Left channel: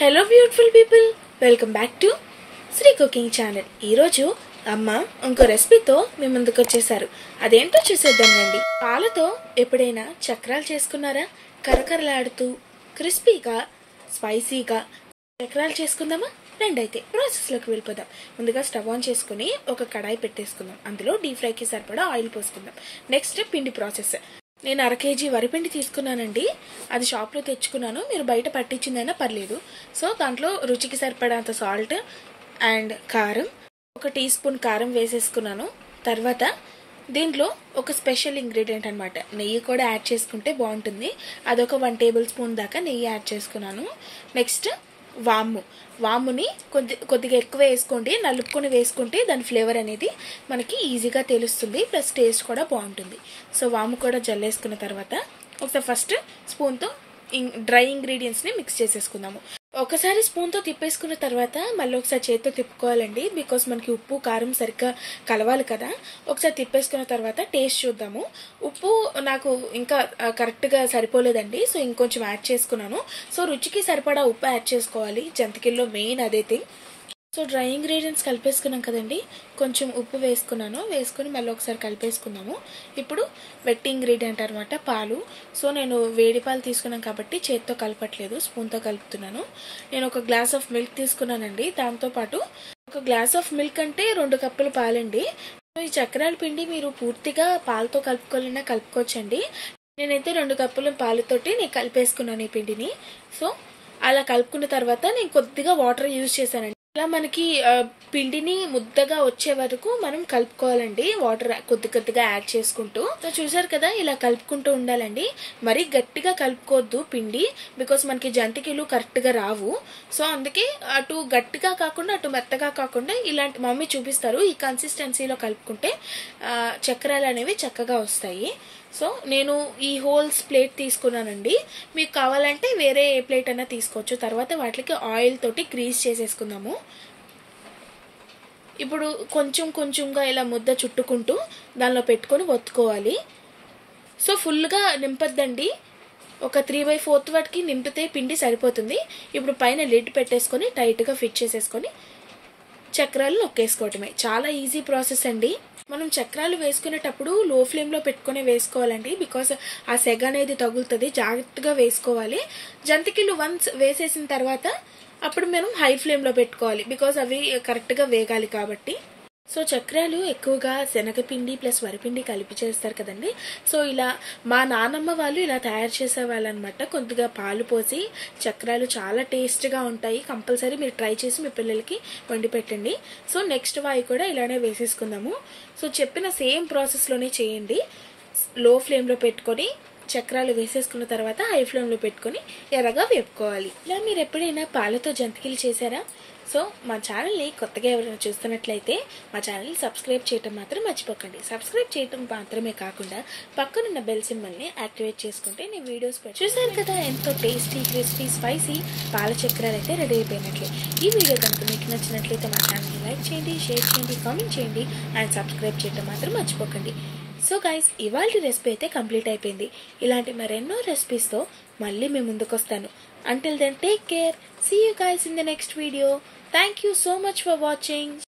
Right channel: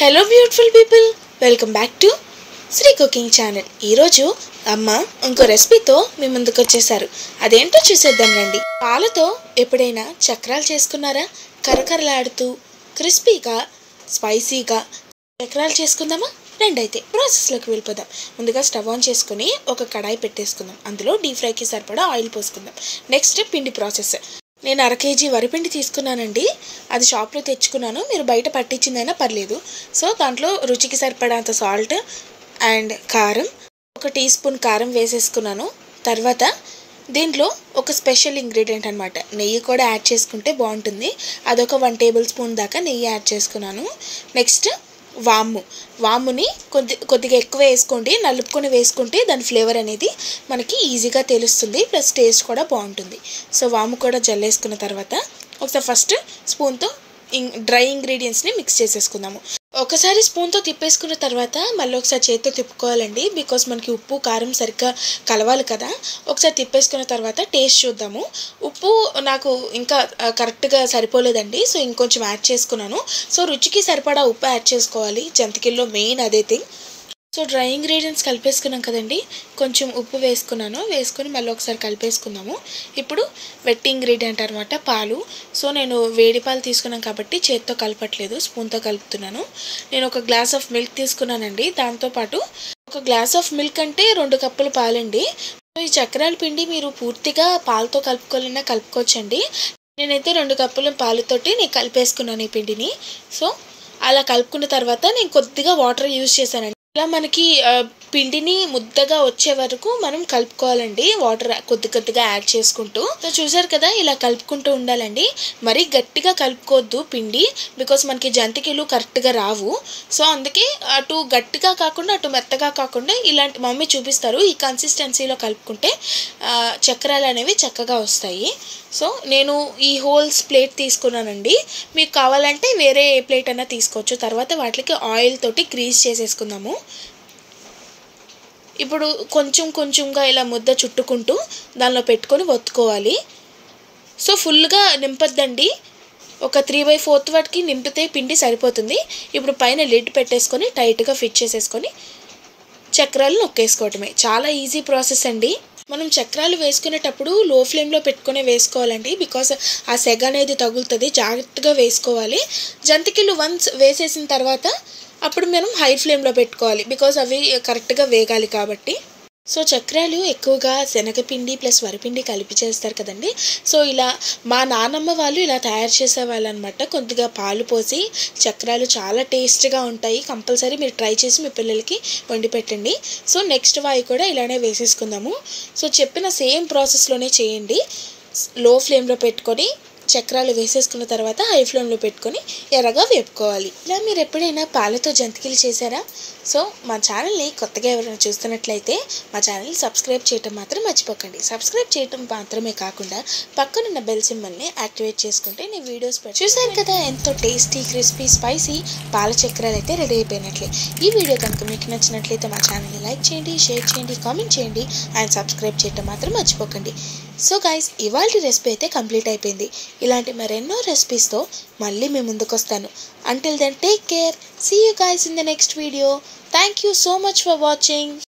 Hello beautiful people, welcome back to Sri cooking channel. ఈరోజు అమ్మ ఇంకో రెసిపీతో మీ ముందుకు వచ్చేసారు. అదేంటో చూసేద్దాం రండి. పాలతో ఎప్పుడైనా చక్రాలు చేసుకున్నారా? కరకరలాడుతూ క్రిస్పీగా స్పైసీగా చక్రాలు చేసుకుందామా? రెండైతే ప్రాసెస్లోకి వెళ్ళిపోదాం. ముందుగా స్టవ్ ఆన్ చేసుకుని ఒక కడాయి పెట్టేసుకుందాం. అందులో డీప్ ఫ్రైకి సరిపడా ఆయిల్ పోసుకుందాం. నెక్స్ట్ పిండి ప్రాసెస్. నేను 1/2 kg వరిపిండి తీసుకున్నానండి. అది షాప్లో తెచ్చుకున్నాను, మీరు బయట పట్టించిందైనా పర్లేదు. సో దాంట్లో రుచికి సరిపడంత సాల్ట్ అండ్ కారం, 1 టీ స్పూన్ కారం వేసేసుకున్నాను. తర్వాత దీంట్లో ఒక స్పెషల్ ఇంగ్రీడియంట్ అనమాట, నెయ్యి కూడా యాడ్ చేసుకుంటే బాగుంటుంది. అదొక 1 టేబుల్ స్పూన్ దాకా నెయ్యి యాడ్ చేసుకున్నాను. నెక్స్ట్ వాముని కొద్దిగా ఎక్కువ వేసుకోండి, నలుపుకొని వేసుకుంటే దాని ఫ్లేవర్ అనేది మనకి ఈజీగా తెలుస్తుంది, ప్లస్ టేస్ట్ కూడా బాగుంటుంది. సో వాము కూడా జల్లేసుకున్న తర్వాత ఒకసారి ఫస్ట్ స్పూన్తో డ్రై ఇంగ్రీడియంట్స్ని మిక్స్ చేసేసుకుందాము. ఒకసారి స్పూన్తో తిప్పేసుకున్న తర్వాత మళ్ళీ ఒకసారి చేతితో తిప్పుకోవాలండి, బికాస్ మనకి ఉప్పు కారం సరిగ్గా కలవాలి కదా. ఒకసారి తిప్పేసుకున్న తర్వాత టేస్ట్ చూద్దాము. ఉప్పు నాకు ఇంకా కరెక్ట్గా సరిపోలేదండి, సో ఇంకొంచెం యాడ్ చేసుకున్నాను. సో రుచికి సరిపడా ఉప్పు యాడ్ చేసుకోవాలి, జంతికల్లో మెయిన్ అదే థింగ్. సో డ్రై ఇంగ్రీడియంట్స్ కలిపేసుకున్నాం కదండి, కొంచెం ఉప్పు వేసుకొని మళ్ళీ ఒకసారి కలిపేసుకుందాము. ఇప్పుడు వెట్ ఇంగ్రీడియంట్ అనమాట, పాలు. సో నేను వేడి పాలు తీసుకున్నాను కాబట్టి చేత్తో కలపట్లేదు, స్పూన్తో కలుపుతున్నాను. నేను 1 గ్లాస్ ఆఫ్ మిల్క్ తీసుకున్నానండి. దాంతోపాటు 1 గ్లాస్ ఆఫ్ మిల్క్ అంటే 2 కప్పులు పాలండి. సో ఈ చక్రాల పిండి మీరు పూర్తిగా పాలతో కలుపుకోవాలన్నా కలుపుకోవచ్చండి. నేనైతే 2 కప్పుల పాలతోటి నేను కలిపేసుకున్నాను ఈ పిండిని. సో అలా కలుపుకున్న తర్వాత నేను కొద్దిగా వాటర్ యూజ్ చేశానండి. ఇలా మనకి పిండిని ముద్దగా వచ్చే వరకు మనం కలుపుకోవాలండి, వాటర్ కొద్దిగా యాడ్ చేసుకుంటూ. సో చూసారు కదా, ఇలా కలుపుకుంటూ ఉండాలండి. మరీ గట్టిగా కలుపుకోవద్దు పిండి, బికాస్ మనకి జంతికలు కరెక్ట్గా రావు. సో అందుకే అటు గట్టిగా కాకుండా అటు మెత్తగా కాకుండా ఇలాంటి మమ్మీ చూపిస్తారు, ఈ కన్సిస్టెన్సీలో కలుపుకుంటే చక్రాలు అనేవి చక్కగా వస్తాయి. సో నేను ఈ హోల్స్ ప్లేట్ తీసుకున్నానండి, మీకు కావాలంటే వేరే ఏ ప్లేట్ అయినా తీసుకోవచ్చు. తర్వాత వాటికి ఆయిల్ తోటి గ్రీస్ చేసేసుకుందాము. ఇప్పుడు కొంచెంగా ఇలా ముద్ద చుట్టుకుంటూ దానిలో పెట్టుకొని ఒత్తుకోవాలి. సో ఫుల్గా నింపద్దండి, ఒక 3/4 వాటికి నింపితే పిండి సరిపోతుంది. ఇప్పుడు పైన లిడ్ పెట్టేసుకొని టైట్గా ఫిట్ చేసేసుకొని చక్రాలు నొక్కేసుకోవటమే. చాలా ఈజీ ప్రాసెస్ అండి. మనం చక్రాలు వేసుకునేటప్పుడు లో ఫ్లేమ్లో పెట్టుకునే వేసుకోవాలండి, బికాస్ ఆ సెగ అనేది తగులుతుంది, జాగ్రత్తగా వేసుకోవాలి. జంతికలు వన్స్ వేసేసిన తర్వాత అప్పుడు మనం హై ఫ్లేమ్లో పెట్టుకోవాలి, బికాస్ అవి కరెక్ట్గా వేగాలి కాబట్టి. సో చక్రాలు ఎక్కువగా శనగపిండి ప్లస్ వరిపిండి కలిపి చేస్తారు కదండి. సో ఇలా మా నాన్నమ్మ వాళ్ళు ఇలా తయారు చేసేవాళ్ళు అనమాట. కొద్దిగా పాలు పోసి చక్రాలు చాలా టేస్ట్గా ఉంటాయి. కంపల్సరీ మీరు ట్రై చేసి మీ పిల్లలకి వండి పెట్టండి. సో నెక్స్ట్ వాయి కూడా ఇలానే వేసేసుకుందాము. సో చెప్పిన సేమ్ ప్రాసెస్లోనే చేయండి. లో ఫ్లేమ్లో పెట్టుకొని చక్రాలు వేసేసుకున్న తర్వాత హై ఫ్లేమ్లో పెట్టుకొని ఎర్రగా వేపుకోవాలి. ఇలా మీరు ఎప్పుడైనా పాలతో జంతికలు చేశారా? సో మా ఛానల్ని కొత్తగా ఎవరైనా చూస్తున్నట్లయితే మా ఛానల్ని సబ్స్క్రైబ్ చేయడం మాత్రం మర్చిపోకండి. సబ్స్క్రైబ్ చేయడం మాత్రమే కాకుండా పక్కనున్న బెల్ సింబల్ని యాక్టివేట్ చేసుకుంటే నేను వీడియోస్ చూసారు కదా, ఎంతో టేస్టీ క్రిస్పీ స్పైసీ పాల చక్రాలు అయితే రెడీ అయిపోయినట్లే. ఈ వీడియో కనుక మీకు నచ్చినట్లయితే మా ఛానల్ని లైక్ చేయండి, షేర్ చేయండి, కామెంట్ చేయండి అండ్ సబ్స్క్రైబ్ చేయడం మాత్రం మర్చిపోకండి. సో గైస్, ఇవాళ రెసిపీ అయితే కంప్లీట్ అయిపోయింది. ఇలాంటి మరెన్నో రెసిపీస్తో మళ్ళీ మీ ముందుకు వస్తాను. Until then, take care. See you guys in the next video. Thank you so much for watching.